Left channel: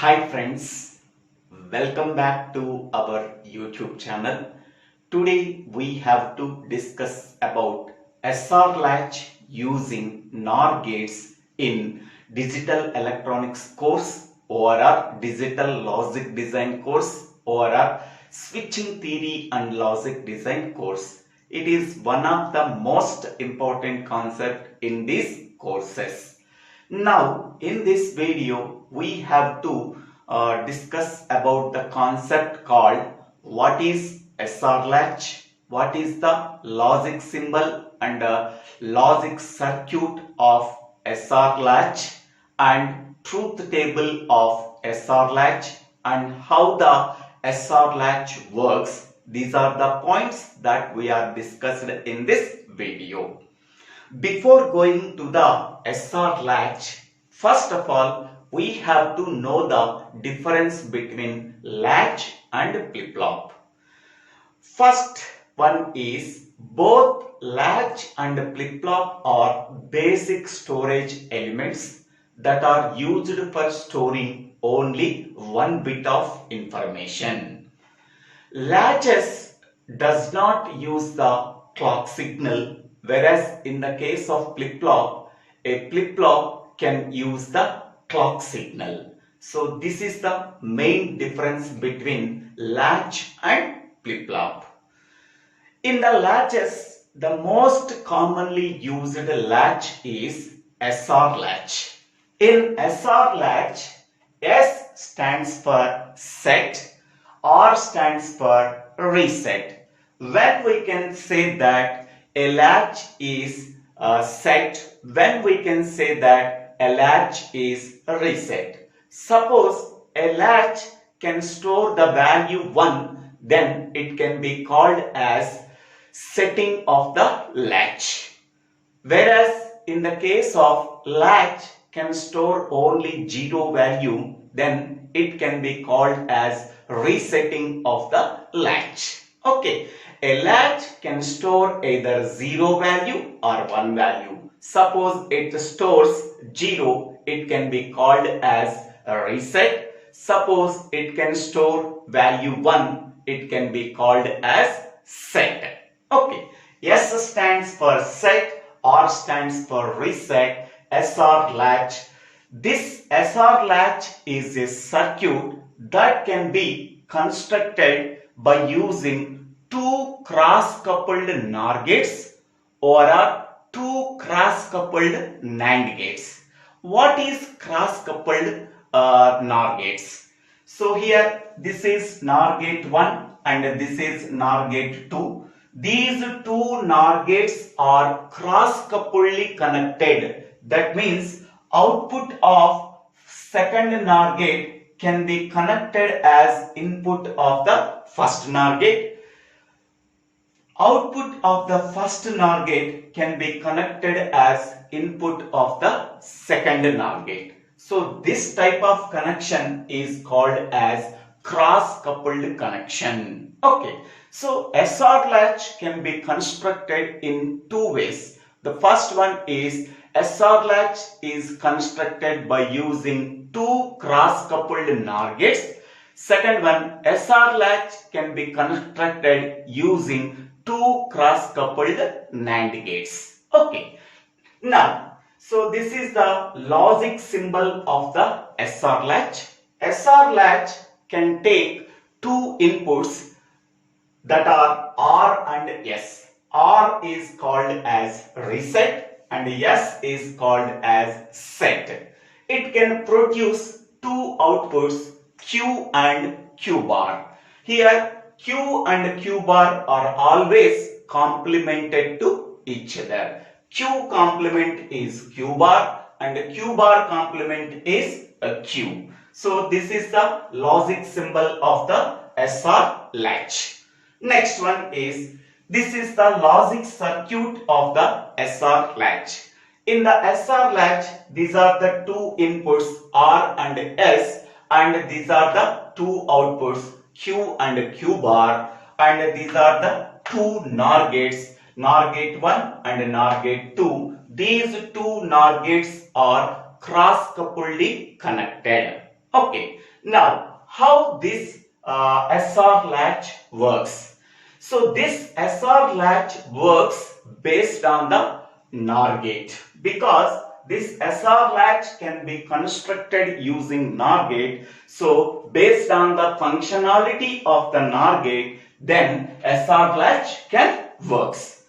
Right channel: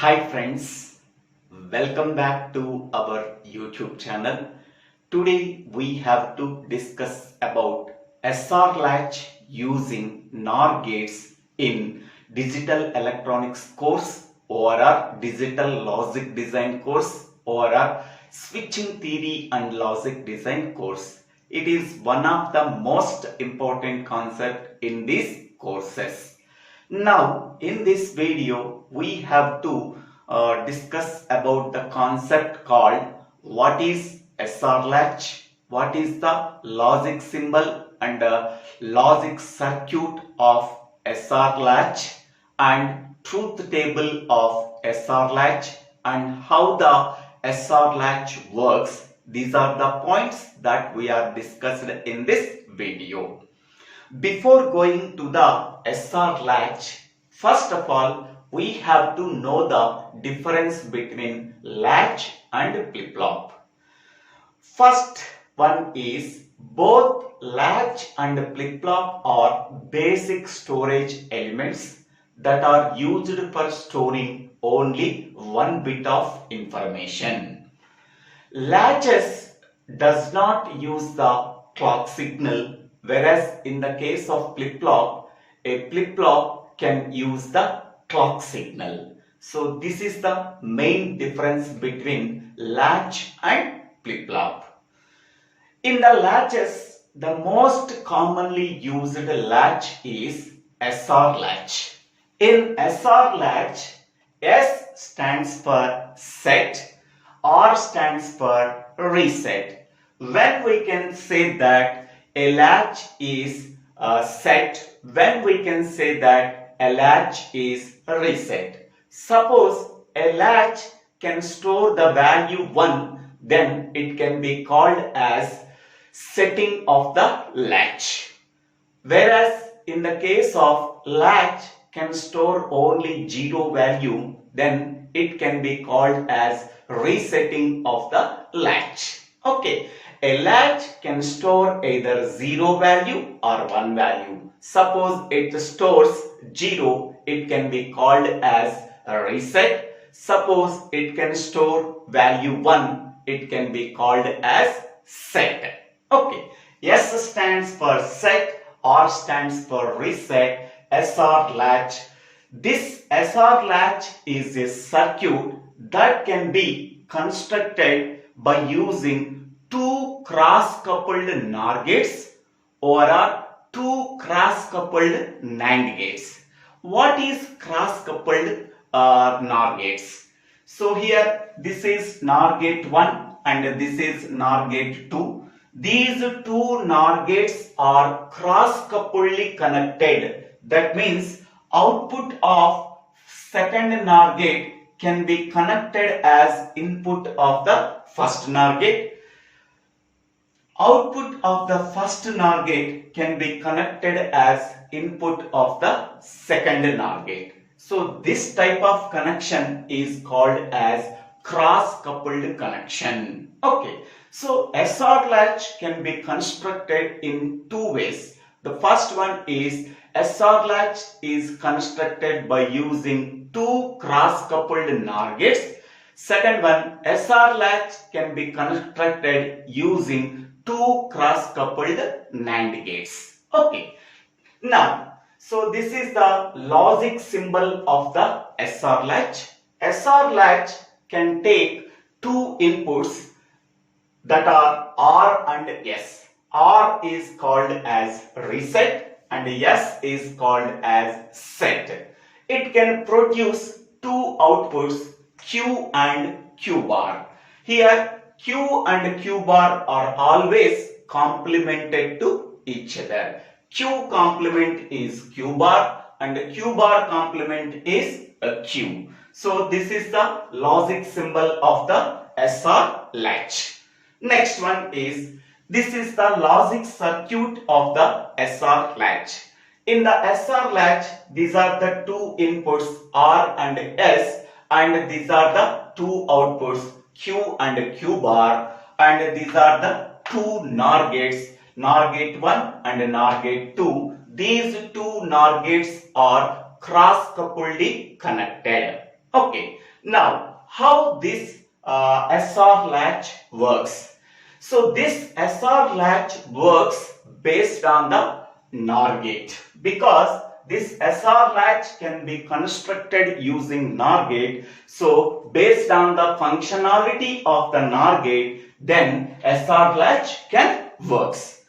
Hi friends, welcome back to our YouTube channel. Today we have to discuss about SR Latch using NOR gates in Digital Electronics course or our Digital Logic Design course or our Switching Theory and Logic Design course. It is one of the most important concepts in these courses. Now, in this video, we have to discuss about the concept called what is SR latch, what is the logic symbol and logic circuit of SR latch and truth table of SR latch and how the SR latch works. These are the points that we are discussed in this video. Before going to the SR latch, first of all, we have to know the difference between latch and flip-flop. First one is both latch and flip-flop are basic storage elements that are used for storing only one bit of information. Latches does not use the clock signal, whereas in the case of flip-flop, a flip-flop can use the clock signal. So this is the main difference between latch and flip-flop. In the latches, the most commonly used latch is SR latch. In SR latch, S stands for set, R stands for reset. When we can say that a latch is set, when we can say that a latch is reset. Suppose a latch can store the value 1, then it can be called as setting of the latch. Whereas in the case of latch can store only 0 value, then it can be called as resetting of the latch. Okay, a latch can store either 0 value or 1 value. Suppose it stores 0, it can be called as a reset. Suppose it can store value 1, it can be called as set. Okay, S stands for set, R stands for reset, SR latch. This SR latch is a circuit that can be constructed by using two cross-coupled NOR gates or two cross-coupled NAND gates. What is cross-coupled NOR gates? So here this is NOR gate 1 and this is NOR gate 2. These two NOR gates are cross-coupledly connected. That means output of second NOR gate can be connected as input of the first NOR gate. Output of the first NOR gate can be connected as input of the second NOR gate. So this type of connection is called as cross-coupled connection. Okay, so SR latch can be constructed in two ways. The first one is SR latch is constructed by using two cross-coupled NOR gates. Second one, SR latch can be constructed using two cross-coupled NAND gates. Okay, now, so this is the logic symbol of the SR latch. SR latch can take two inputs that are R and S. R is called as reset and S is called as set. It can produce two outputs Q and Q bar. Here Q and Q bar are always complemented to each other. Q complement is Q bar and Q bar complement is a Q. So this is the logic symbol of the SR latch. Next one is, this is the logic circuit of the SR latch. In the SR latch, these are the two inputs R and S and these are the two outputs Q and Q bar and these are the two NOR gates, NOR gate 1 and NOR gate 2. These two NOR gates are cross-coupledly connected. Okay, now how this SR latch works? So this SR latch works based on the NOR gate, because this SR latch can be constructed using NOR gate. So based on the functionality of the NOR gate, then SR latch can works.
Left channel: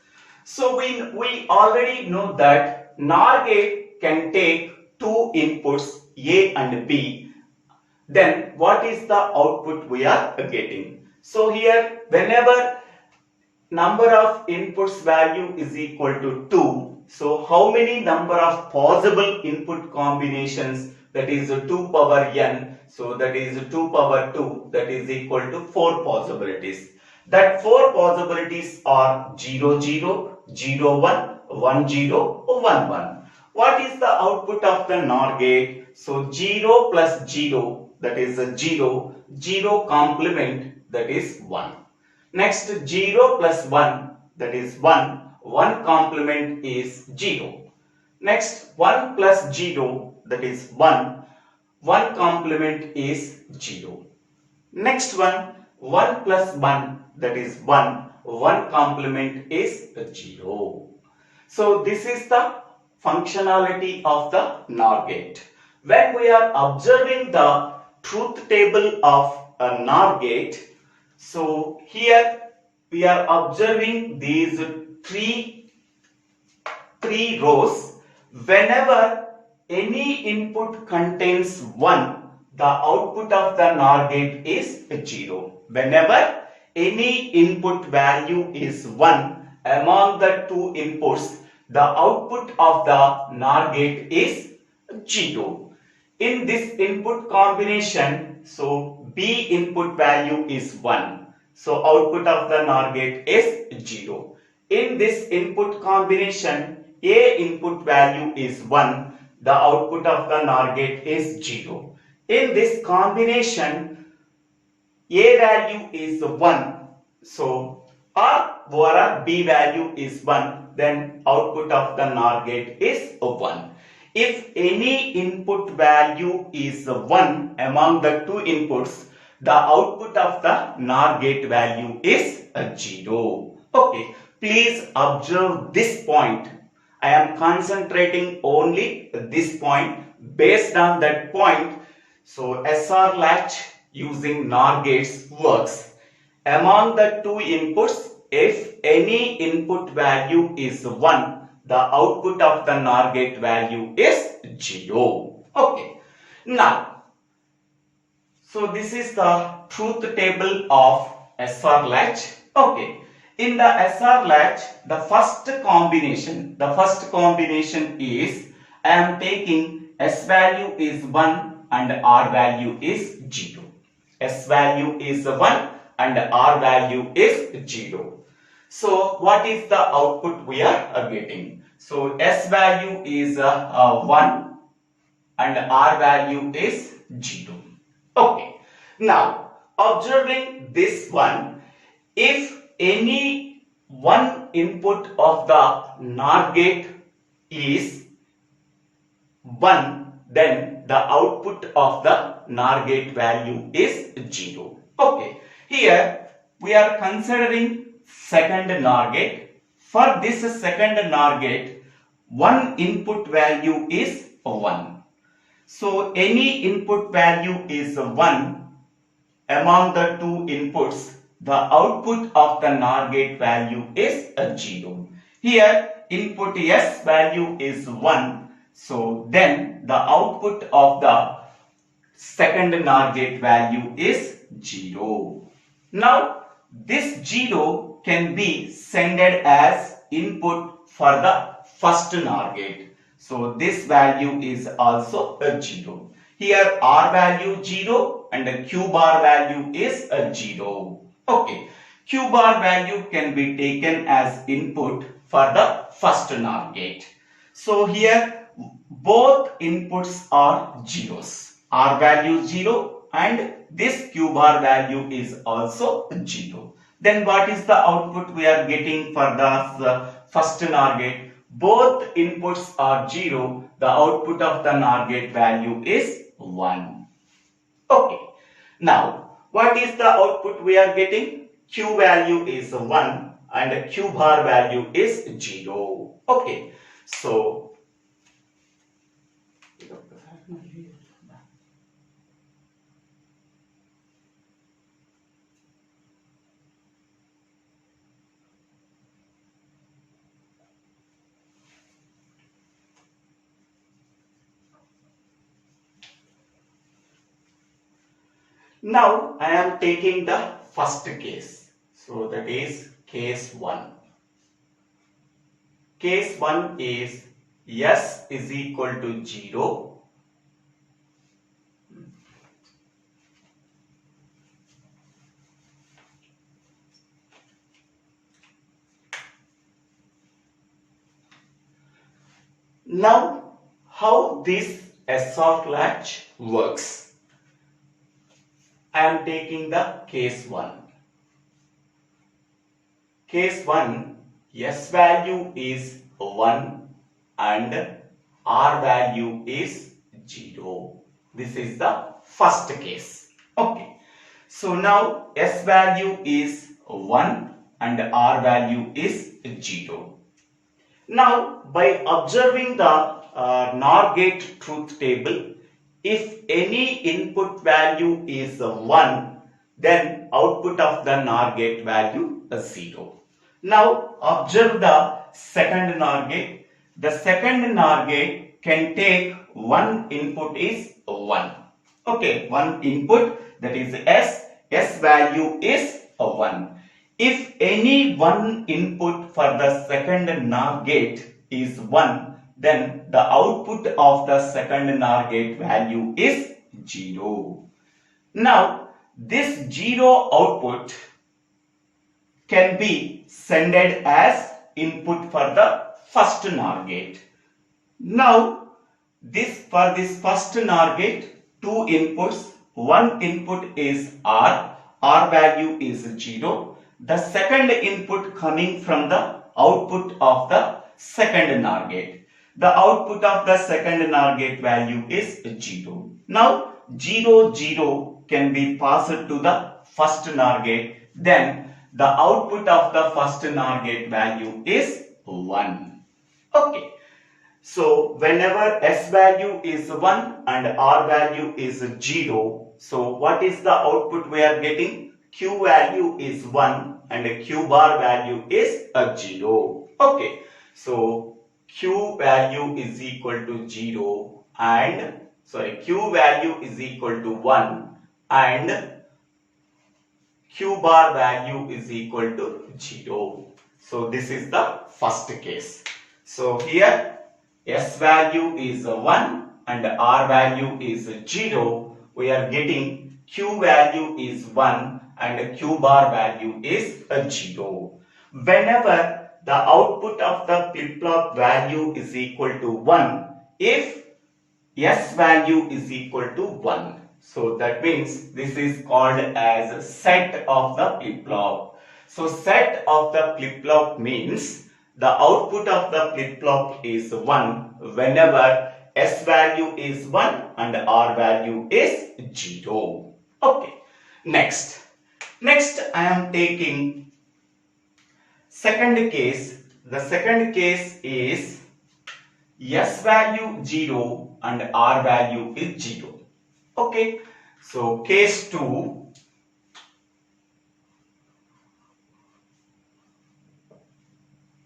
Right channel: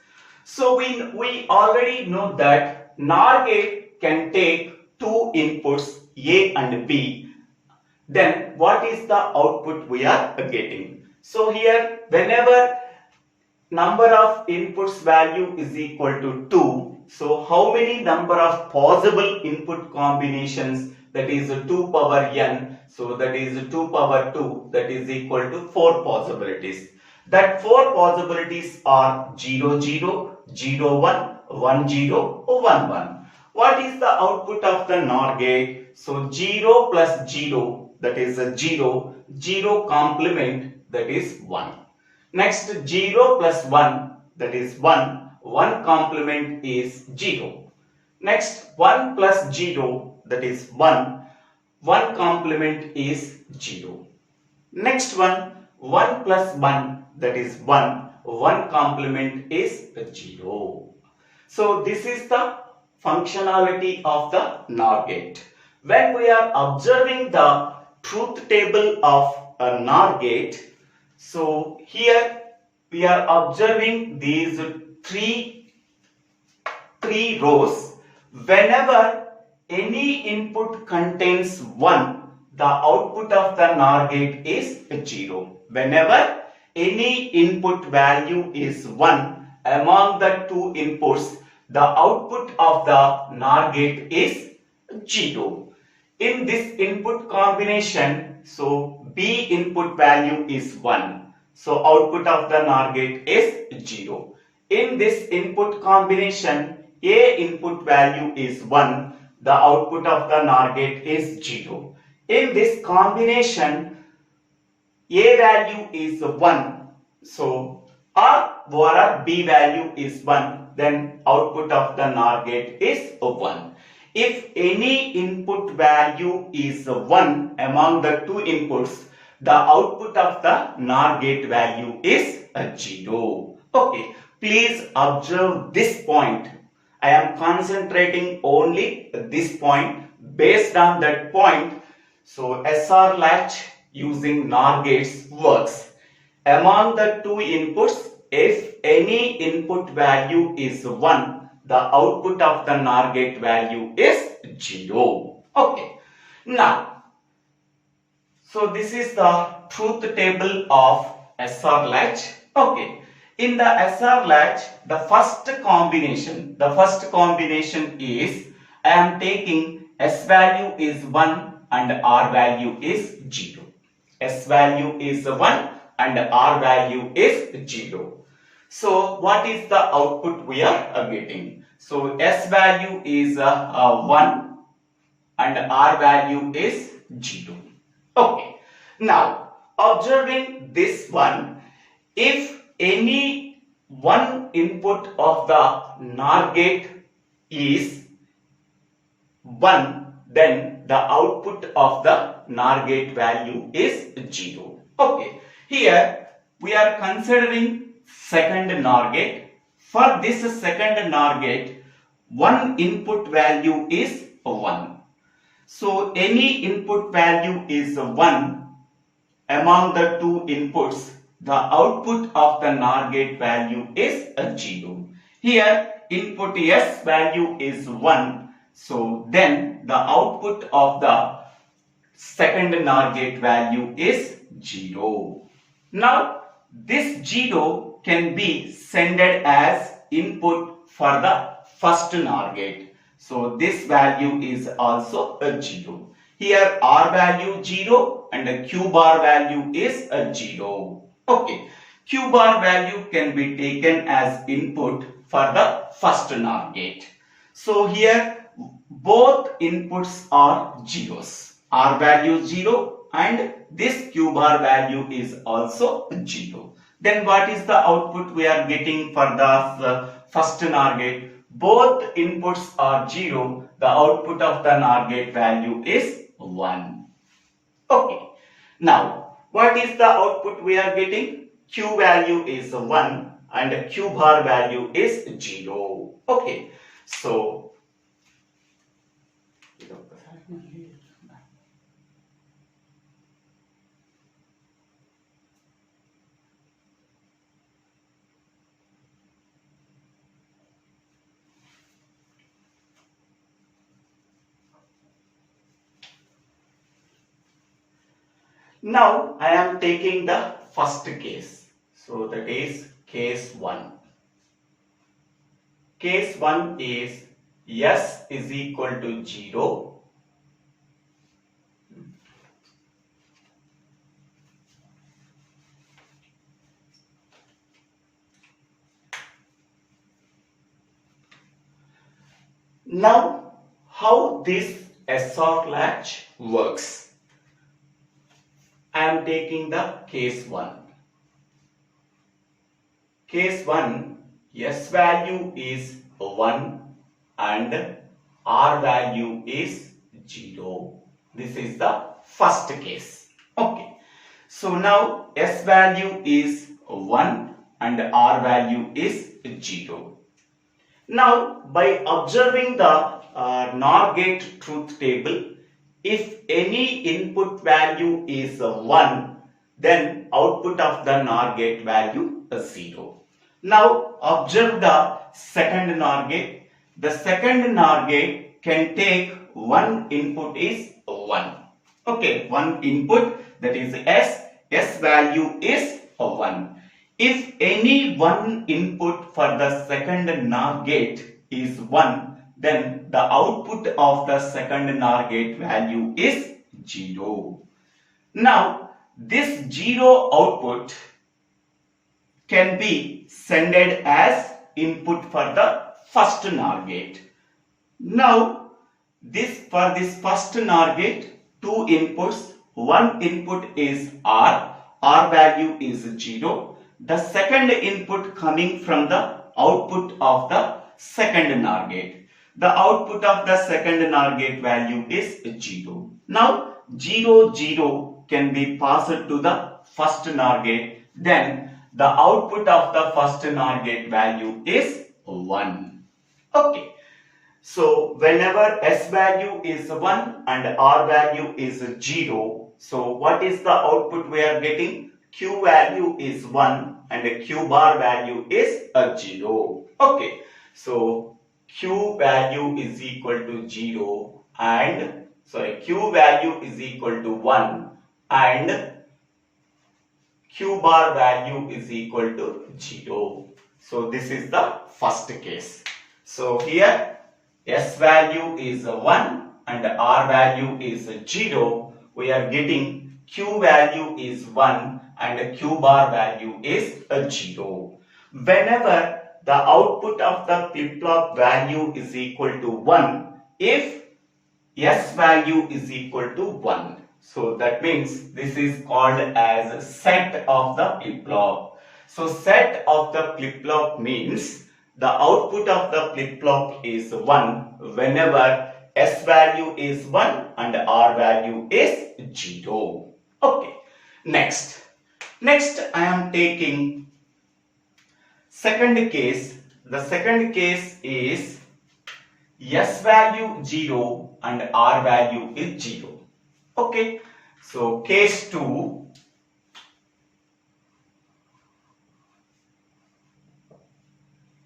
So we already know that NOR gate can take two inputs A and B. Then what is the output we are getting? So here whenever number of inputs value is equal to 2, so how many number of possible input combinations, that is 2 power n, so that is 2 power 2, that is equal to 4 possibilities. That 4 possibilities are 0 0, 0 1, 1 0, 1 1. What is the output of the NOR gate? So 0 plus 0, that is a 0, 0 complement, that is 1. Next 0 plus 1, that is 1, 1 complement is 0. Next 1 plus 0, that is 1, 1 complement is 0. Next one, 1 plus 1, that is 1, 1 complement is 0. So this is the functionality of the NOR gate. When we are observing the truth table of a NOR gate, so here we are observing these three rows. Whenever any input contains 1, the output of the NOR gate is 0. Whenever any input value is 1 among the two inputs, the output of the NOR gate is 0. In this input combination, so B input value is 1. So output of the NOR gate is 0. In this input combination, A input value is 1. The output of the NOR gate is 0. In this combination, A value is 1. So or B value is 1. Then output of the NOR gate is 1. If any input value is 1 among the two inputs, the output of the NOR gate value is 0. Okay, please observe this point. I am concentrating only this point. Based on that point, so SR latch using NOR gates works. Among the two inputs, if any input value is 1, the output of the NOR gate value is 0. Okay. Now, so this is the truth table of SR latch. Okay. In the SR latch, the first combination is, I am taking S value is 1 and R value is 0. S value is 1 and R value is 0. So what is the output we are getting? So S value is 1 and R value is 0. Okay. Now observing this one, if any one input of the NOR gate is 1, then the output of the NOR gate value is 0. Okay. Here we are considering second NOR gate. For this second NOR gate, one input value is 1. So any input value is 1 among the two inputs, the output of the NOR gate value is 0. Here input S value is 1. So then the output of the second NOR gate value is 0. Now this 0 can be sended as input for the first NOR gate. So this value is also a 0. Here R value 0 and Q bar value is a 0. Okay. Q bar value can be taken as input for the first NOR gate. So here both inputs are zeros. R value 0 and this Q bar value is also 0. Then what is the output we are getting for the first NOR gate? Both inputs are 0. The output of the NOR gate value is 1. Okay. Now, what is the output we are getting? Q value is 1 and Q bar value is 0. Okay. So, now I am taking the first case. So, that is case 1. Case 1 is S is equal to 0. Now, how this SR latch works? I am taking the case 1. Case 1, S value is 1 and R value is 0. This is the first case. Okay. So now S value is 1 and R value is 0. Now, by observing the NOR gate truth table, if any input value is 1, then output of the NOR gate value is 0. Now, observe the second NOR gate. The second NOR gate can take one input is 1. Okay, one input, that is S value is 1. If any one input for the second NOR gate is 1, then the output of the second NOR gate value is 0. Now, this 0 output can be sended as input for the first NOR gate. Now, for this first NOR gate, two inputs, one input is R value is 0. The second input coming from the output of the second NOR gate. The output of the second NOR gate value is 0. Now 0, 0 can be passed to the first NOR gate. Then the output of the first NOR gate value is 1. Okay. So whenever S value is 1 and R value is 0, so what is the output we are getting? Q value is 1 and Q bar value is 0. Okay. So Q value is equal to 0 and Q value is equal to 1 and Q bar value is equal to 0. So this is the first case. So here S value is 1 and R value is 0. We are getting Q value is 1 and Q bar value is 0. Whenever the output of the flip-flop value is equal to 1, if S value is equal to 1. So that means this is called as set of the flip-flop. So set of the flip-flop means the output of the flip-flop is 1 whenever S value is 1 and R value is 0. Okay. Next I am taking second case. The second case is S value 0 and R value is 0. Okay. So case 2,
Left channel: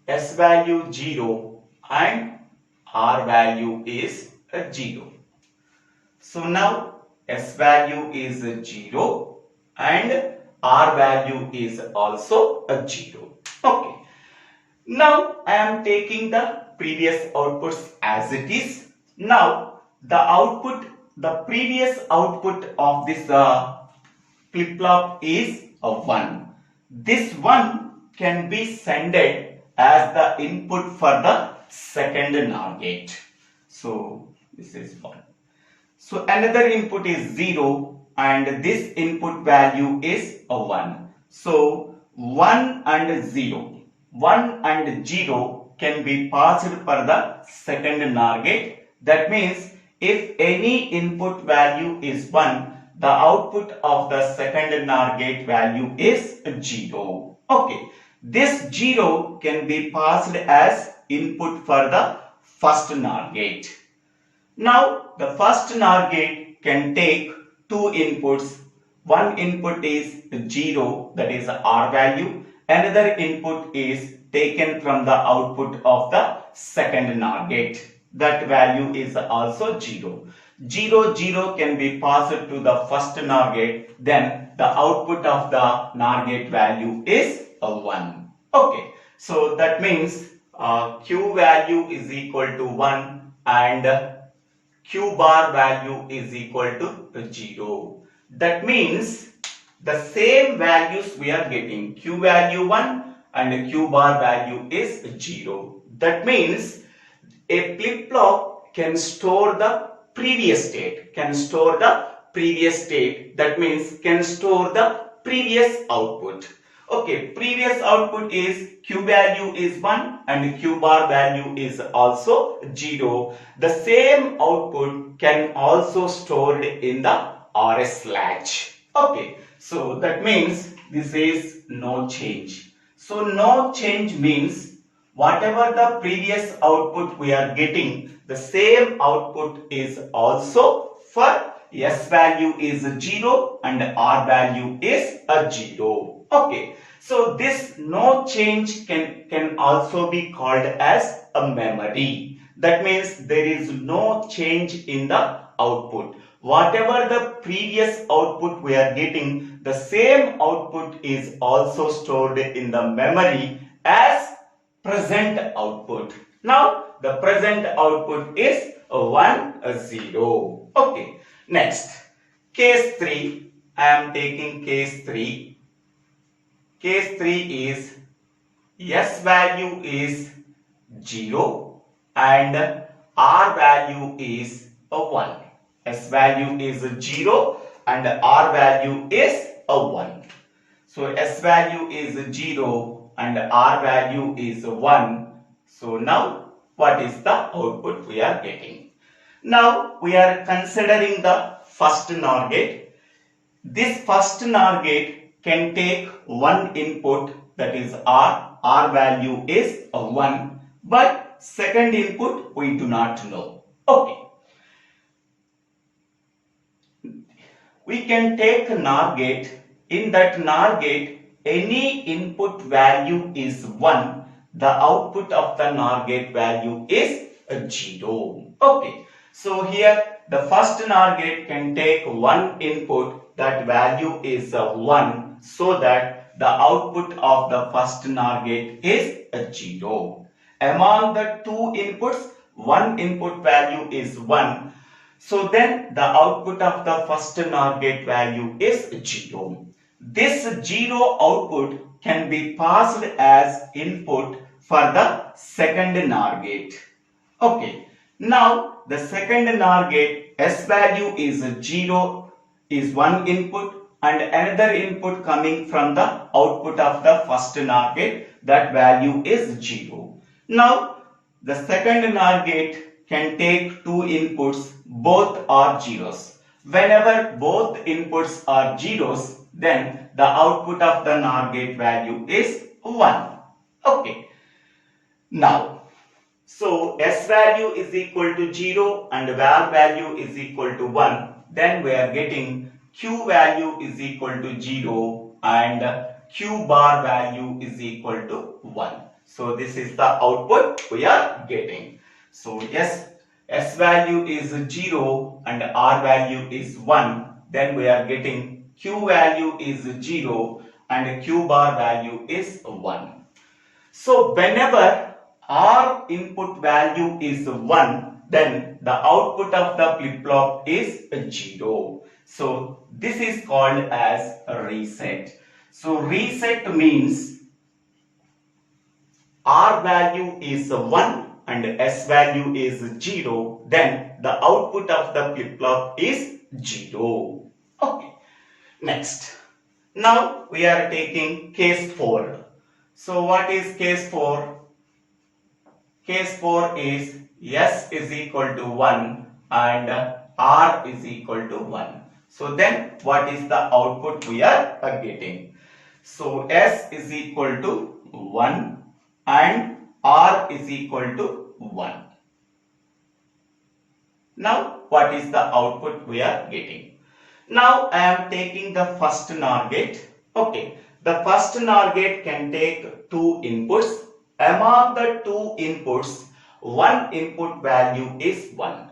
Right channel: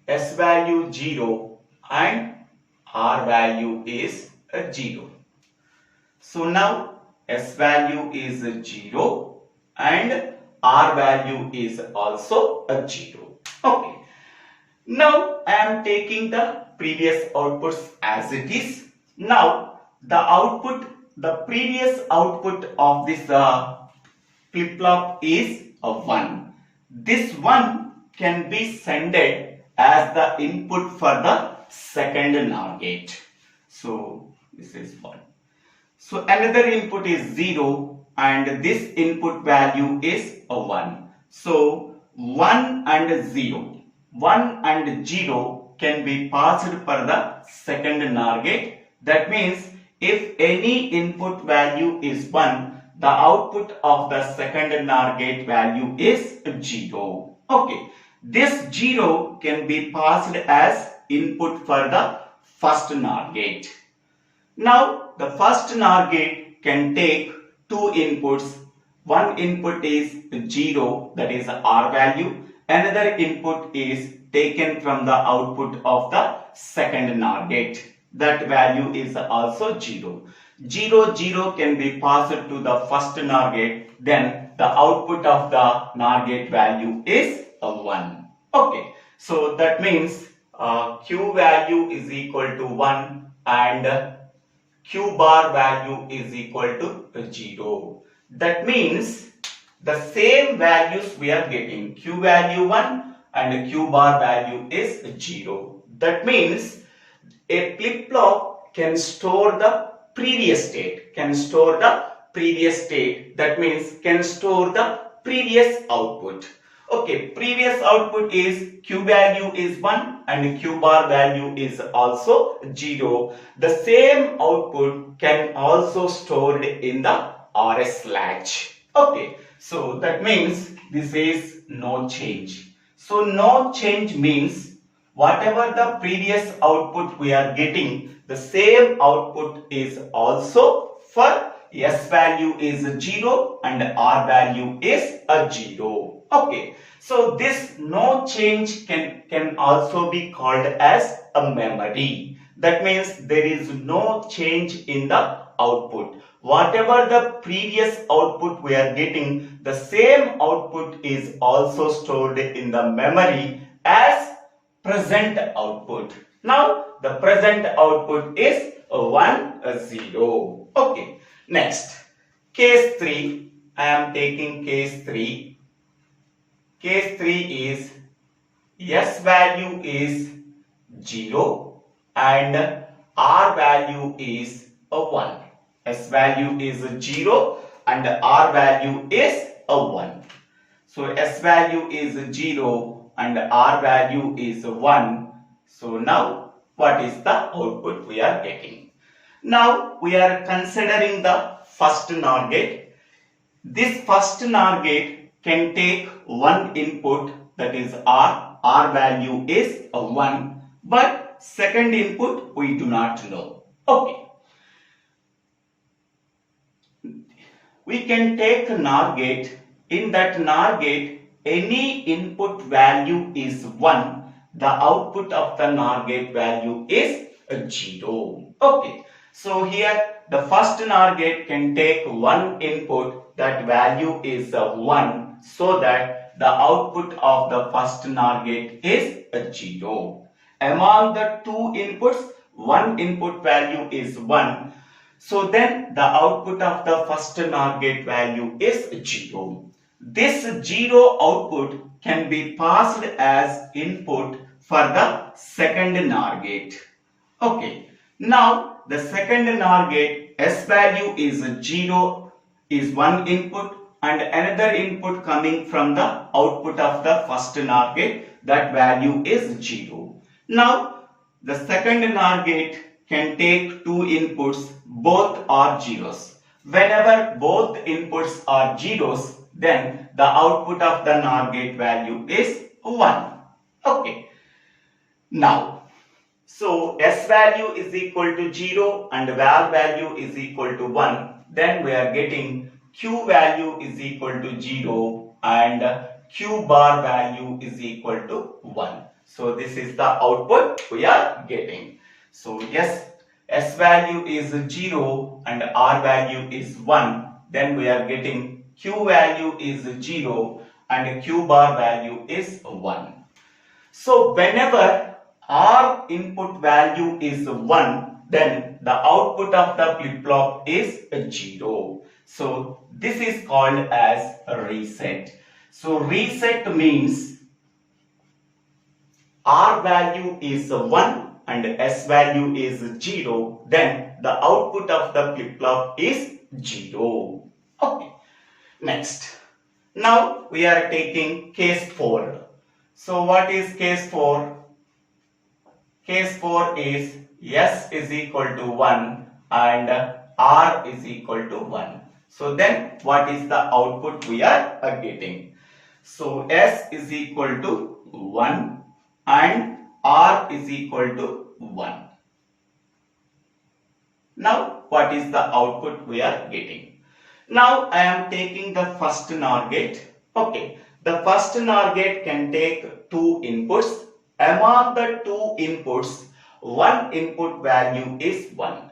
S value 0 and R value is 0. So now S value is 0 and R value is also 0. Okay. Now I am taking the previous outputs as it is. Now the previous output of this flip-flop is 1. This 1 can be sended as the input for the second NOR gate. So this is 1. So another input is 0 and this input value is 1. So 1 and 0. 1 and 0 can be passed for the second NOR gate. That means if any input value is 1, the output of the second NOR gate value is 0. Okay, this 0 can be passed as input for the first NOR gate. Now, the first NOR gate can take two inputs. One input is 0, that is R value. Another input is taken from the output of the second NOR gate. That value is also 0. 0, 0 can be passed to the first NOR gate. Then the output of the NOR gate value is a 1. Okay, so that means Q value is equal to 1 and Q bar value is equal to 0. That means the same values we are getting. Q value 1 and Q bar value is 0. That means a flip-flop can store the previous state. That means can store the previous output. Okay, previous output is Q value is 1 and Q bar value is also 0. The same output can also stored in the SR latch. Okay, so that means this is no change. So no change means whatever the previous output we are getting, the same output is also for S value is 0 and R value is a 0. Okay, so this no change can also be called as a memory. That means there is no change in the output. Whatever the previous output we are getting, the same output is also stored in the memory as present output. Now the present output is 1, 0. Okay, next case 3. I am taking case 3. Case 3 is S value is 0 and R value is a 1. S value is 0 and R value is a 1. So S value is 0 and R value is 1. So now what is the output we are getting? Now we are considering the first NOR gate. This first NOR gate can take one input, that is R. R value is a 1. But second input we do not know. Okay. We can take a NOR gate. In that NOR gate, any input value is 1. The output of the NOR gate value is a 0. Okay. So here the first NOR gate can take one input, that value is a 1. So that the output of the first NOR gate is a 0. Among the two inputs, one input value is 1. So then the output of the first NOR gate value is 0. This 0 output can be passed as input for the second NOR gate. Okay. Now the second NOR gate, S value is 0, is one input and another input coming from the output of the first NOR gate, that value is 0. Now the second NOR gate can take two inputs, both are zeros. Whenever both inputs are zeros, then the output of the NOR gate value is 1. Okay. Now, so S value is equal to 0 and var value is equal to 1. Then we are getting Q value is equal to 0 and Q bar value is equal to 1. So this is the output we are getting. So yes, S value is 0 and R value is 1. Then we are getting Q value is 0 and Q bar value is 1. So whenever R input value is 1, then the output of the flip-flop is 0. So this is called as a reset. So reset means R value is 1 and S value is 0, then the output of the flip-flop is 0. Okay. Next. Now we are taking case 4. So what is case 4? Case 4 is S is equal to 1 and R is equal to 1. So then what is the output we are getting? So S is equal to 1 and R is equal to 1. Now what is the output we are getting? Now I am taking the first NOR gate. Okay, the first NOR gate can take two inputs. Among the two inputs, one input value is 1.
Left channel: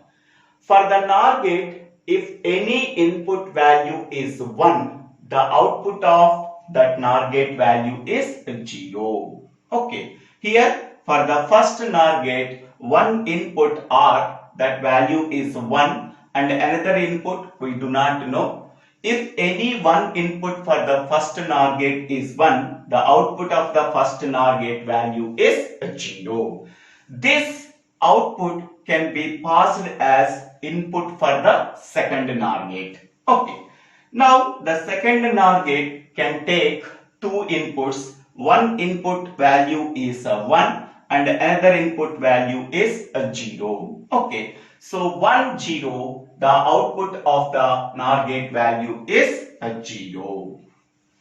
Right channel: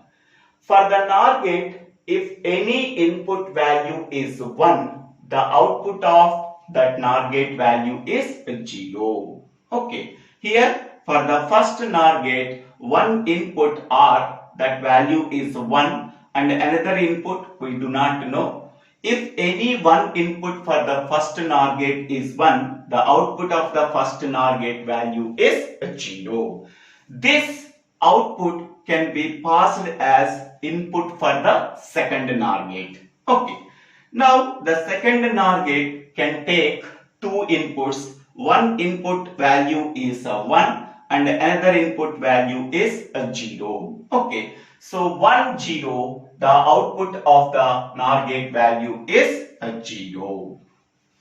For the NOR gate, if any input value is 1, the output of that NOR gate value is 0. Okay, here for the first NOR gate, one input R, that value is 1, and another input we do not know. If any one input for the first NOR gate is 1, the output of the first NOR gate value is 0. This output can be passed as input for the second NOR gate. Okay. Now the second NOR gate can take two inputs. One input value is 1 and another input value is 0. Okay. So 1 0, the output of the NOR gate value is 0.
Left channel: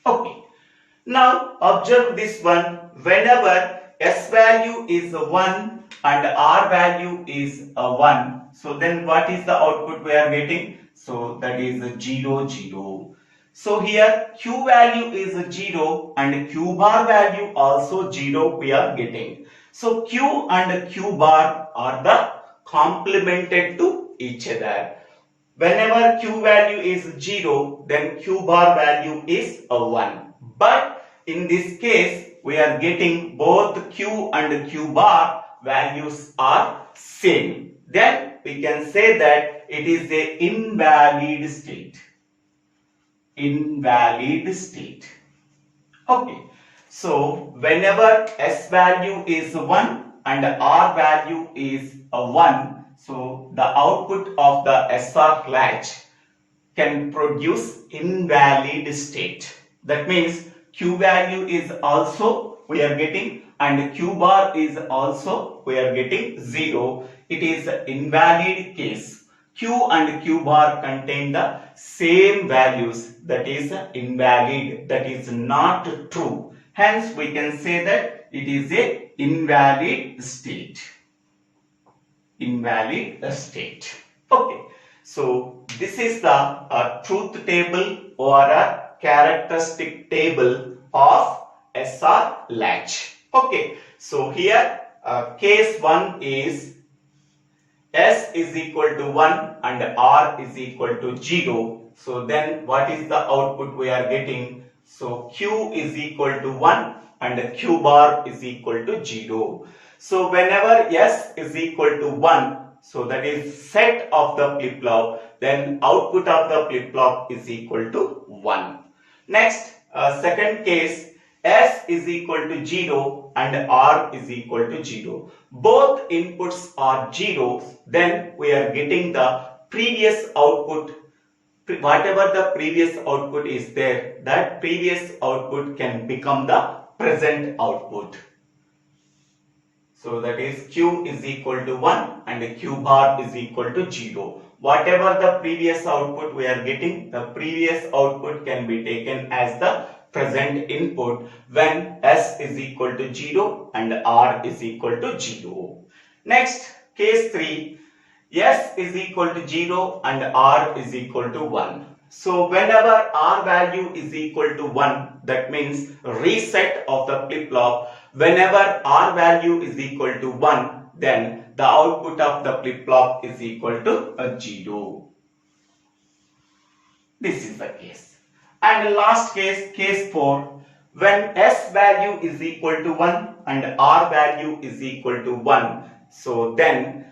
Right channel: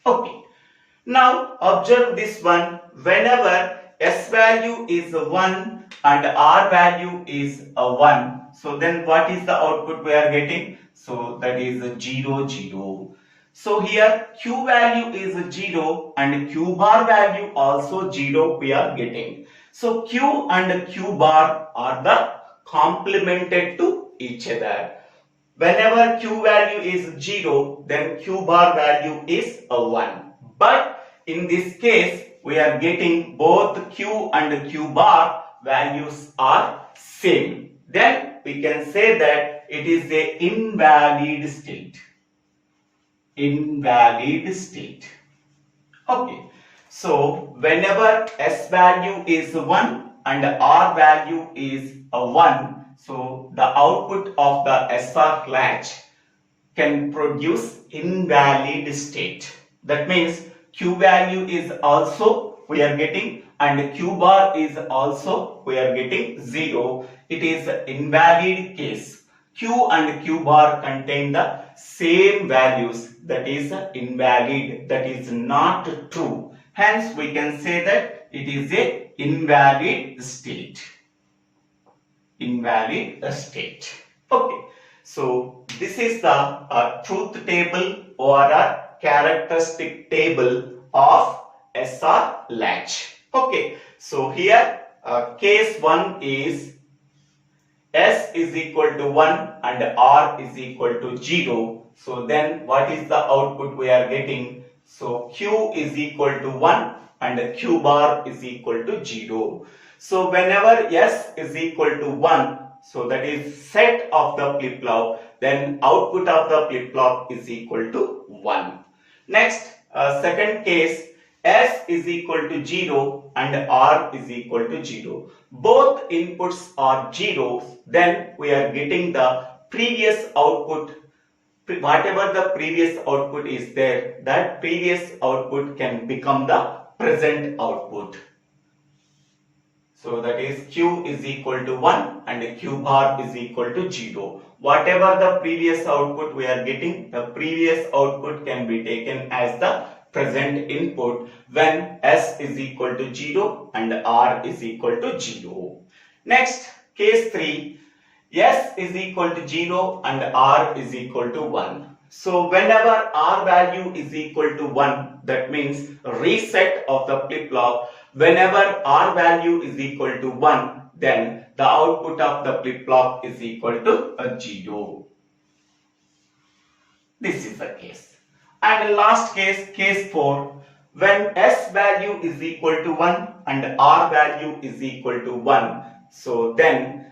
Okay. Now observe this one. Whenever S value is 1 and R value is 1, so then what is the output we are getting? So that is 0 0. So here Q value is 0 and Q bar value also 0 we are getting. So Q and Q bar are the complemented to each other. Whenever Q value is 0, then Q bar value is 1. But in this case, we are getting both Q and Q bar values are same. Then we can say that it is a invalid state. Invalid state. Okay. So whenever S value is 1 and R value is 1, so the output of the SR latch can produce invalid state. That means Q value is also we are getting and Q bar is also we are getting 0. It is invalid case. Q and Q bar contain the same values, that is invalid, that is not true. Hence we can say that it is a invalid state. Invalid state. Okay. So this is the truth table or a characteristic table of SR latch. Okay. So here case 1 is S is equal to 1 and R is equal to 0. So then what is the output we are getting? So Q is equal to 1 and Q bar is equal to 0. So whenever S is equal to 1, so that is set of the flip-flop, then output of the flip-flop is equal to 1. Next, second case, S is equal to 0 and R is equal to 0. Both inputs are zeros, then we are getting the previous output. Whatever the previous output is there, that previous output can become the present output. So that is Q is equal to 1 and Q bar is equal to 0. Whatever the previous output we are getting, the previous output can be taken as the present input when S is equal to 0 and R is equal to 0. Next, case 3, S is equal to 0 and R is equal to 1. So whenever R value is equal to 1, that means reset of the flip-flop. Whenever R value is equal to 1, then the output of the flip-flop is equal to 0. This is the case. And last case, case 4, when S value is equal to 1 and R value is equal to 1, so then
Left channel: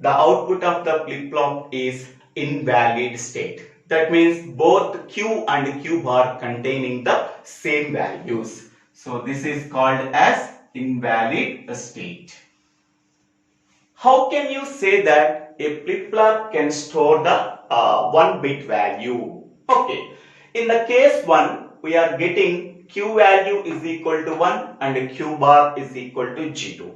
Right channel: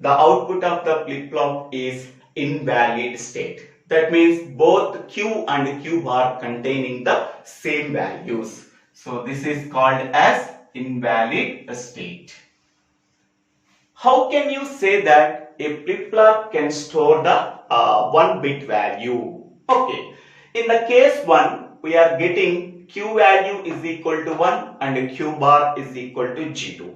the output of the flip-flop is invalid state. That means both Q and Q bar containing the same values. So this is called as invalid state. How can you say that a flip-flop can store the 1-bit value? Okay. In the case 1, we are getting Q value is equal to 1 and Q bar is equal to 0.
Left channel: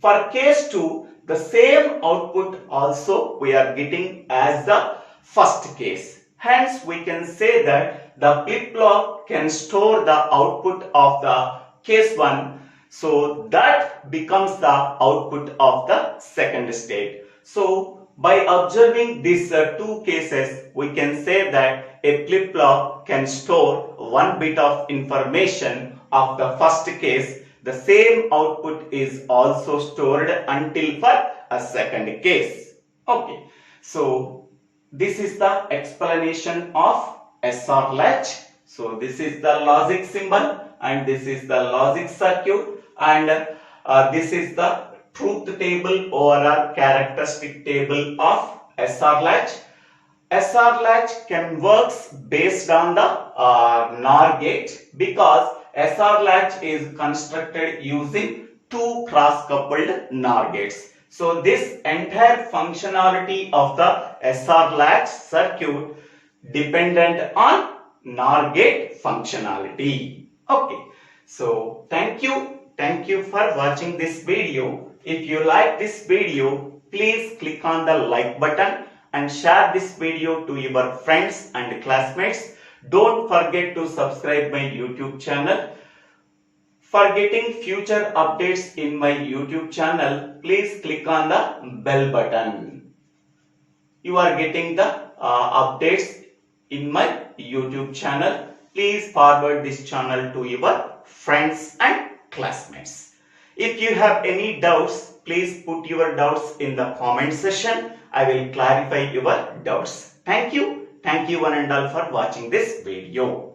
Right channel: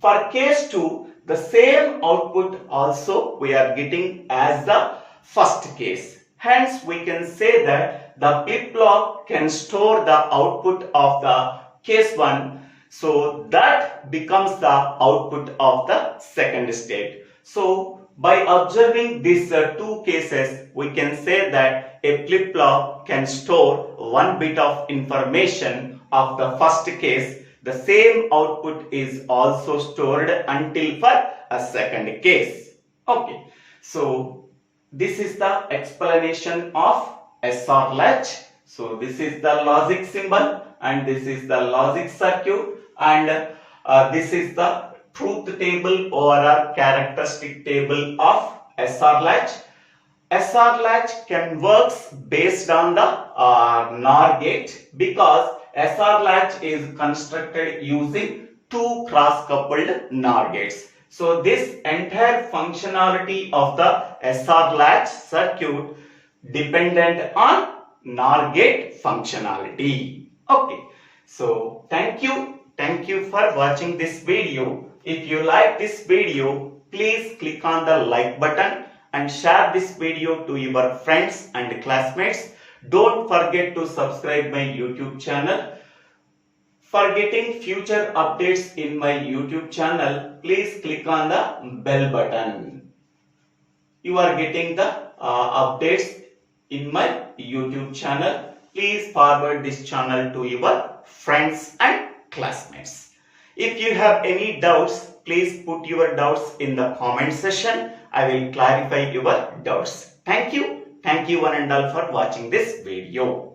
For case 2, the same output also we are getting as the first case. Hence, we can say that the flip-flop can store the output of the case 1. So that becomes the output of the second state. So by observing these two cases, we can say that a flip-flop can store one bit of information of the first case. The same output is also stored until for a second case. Okay. So this is the explanation of SR latch. So this is the logic symbol and this is the logic circuit, and this is the truth table or a characteristic table of SR latch. SR latch can works based on the NOR gate, because SR latch is constructed using two cross-coupled NOR gates. So this entire functionality of the SR latch circuit dependent on NOR gate functionality. Okay. So thank you for watching this video. If you like this video, please click on the like button and share this video to your friends and classmates. Don't forget to subscribe my YouTube channel. For getting future updates in my YouTube channel, please click on the bell button. You are getting the updates in my YouTube channel. Please forward this channel to your friends and classmates. If you have any doubts, please put your doubts in the comment section. I will clarify your doubts. Thank you one and all for watching this video.